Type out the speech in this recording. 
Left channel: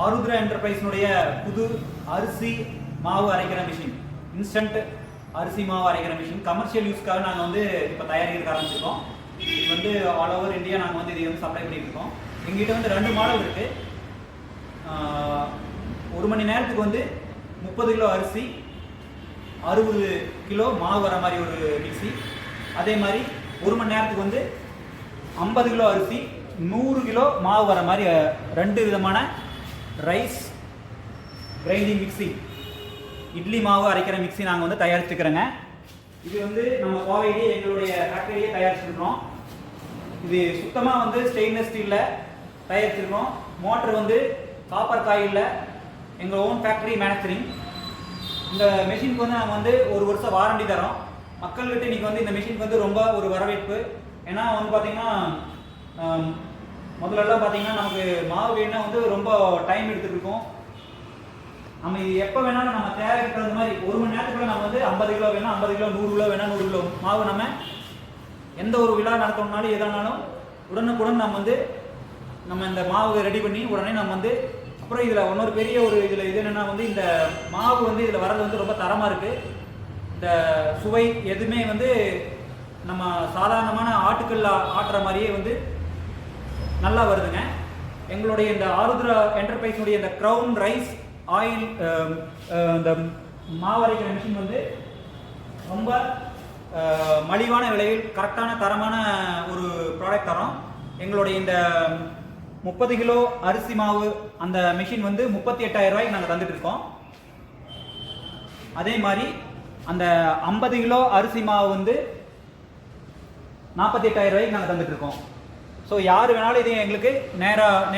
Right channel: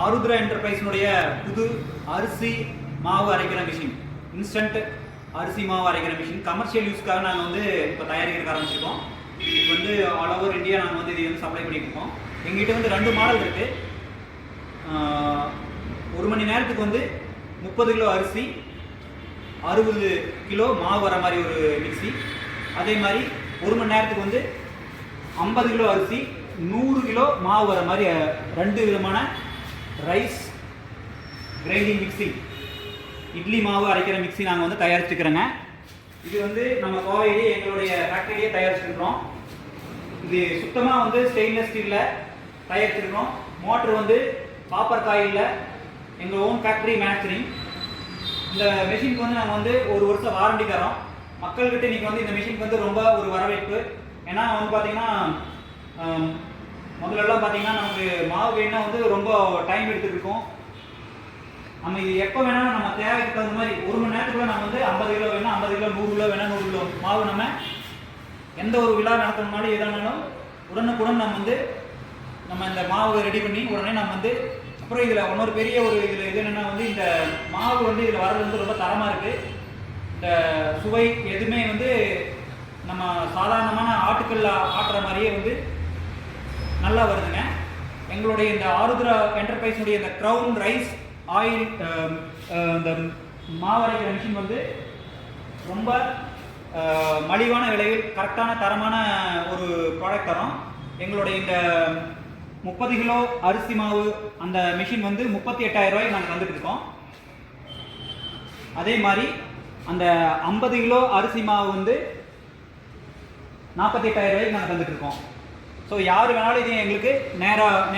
ஆருத்ரா என்டர்பிரைஸ்னுடைய புது அரிசி மாவு அரைக்கிற மிஷின், இன்ஸ்டன்ட் அரிசி மாவு அரைக்கிற மிஷின் கமர்ஷியல் யூஸ்க்காக நாங்கள் வந்து இப்போ தயாரிக்க ஆரம்பிச்சிருக்கோம். இது வந்து ஆல் ஓவர் இந்தியா நாங்கள் வந்து இதை வந்து சப்ளை பண்ணிட்டு இருக்கோம். எங்ககிட்ட வந்து 2 மாடல் இருக்குது. 1 மணி நேரத்துக்கு வந்து 30 கிலோ அரிசி 60 கிலோ மாவு வர மாதிரி ஒரு மிக்சி. அதே மாதிரி 1 மணி நேரத்துக்கு வந்து 50 கிலோ அரிசி 100 கிலோ மாவு வர மாதிரி 2 விதமான ரைஸ் கிரைண்டிங் மிக்சி, இட்லி மாவு அரைக்கிற மிக்சி நாங்கள் வந்து தயாரிச்சுக்கிறோங்க. இது வந்து நம்ம கோவையிலே எங்களுடைய ஃபேக்டரியே தயாரிச்சுருக்கிறோம். இது சுத்தமாக வந்து ஸ்டெயின்லெஸ் ஸ்டீலில் தயாரிச்சிருக்கிறோம். மோட்டர் வந்து காப்பர் காயிலில் எங்கள் ஓன் ஃபேக்டரி மேனுஃபேக்சரிங். இந்த மிஷினுக்கு வந்து நாங்கள் வந்து 1 வருஷம் வாரண்டி தரோம். மக்கள்கிட்ட இன்றைக்கி வந்து இந்த மிஷினுக்கு வந்து ரொம்ப ஒரு வரவேற்பு. ஏன்னா வந்து பார்த்திங்கன்னா முதல்லலாம் பார்த்திங்கன்னா நமக்கு மாவு வேணுன்னா வந்து ரொம்ப டைம் எடுத்துருக்கோம். நம்ம எப்போ வேணாலும் நம்ம தேவைக்கு தகுந்த மாதிரி 1 மணி நேரத்துக்குள்ள நம்ம வந்து 50 கிலோ வேணால் 50 கிலோ, 100 கிலோ வேணால் 100 கிலோ மாவு நம்ம எந்த ஒரு விழா நடத்தணும்னாலும் எதானாலும் உடனுக்குடன் நம்ம வந்து நம்ம இந்த மாவு ரெடி பண்ணி உடனே நம்ம வந்து அப்புறம் இதில் இன்னொரு பெரிய ஒரு இதில் இது என்னென்னா வந்து இந்த மாவு வந்து இதில் வர்றது வந்து ரொம்ப தரமாக இருக்குது. இந்த சுவை எதுவுமே வந்து நம்ம சாதாரணமான ஆட்டுக்கல்ல ஆட்டுற மாதிரியே வந்து நல்லா வருதுங்க. எங்களுடைய இந்த ஆருத்ரா என்டர்பிரைஸுடைய இந்த க்ரௌன் ரைஸ் ஆயில் இந்த மாவரைக்கிற மிஷின் வந்து ரொம்ப மலிவான விலையில் கரெக்டான தரமான ஒரு ப்ராடக்ட் தரோம். எங்களுடைய இந்த 30 கிலோ அரிசி மாவு அந்த மிஷின் வந்து 38,000 ரூபாய்க்கு நாங்கள் தந்துட்டு இருக்கோம். அதே மாதிரி அந்த 50 கிலோ அரிசி மாவு வந்து 48,000 ரூபாய்க்கு நாங்கள் தந்துட்டு இருக்கோம். ஸோ யார் வேணாலும் இது எங்களுக்கு நேராக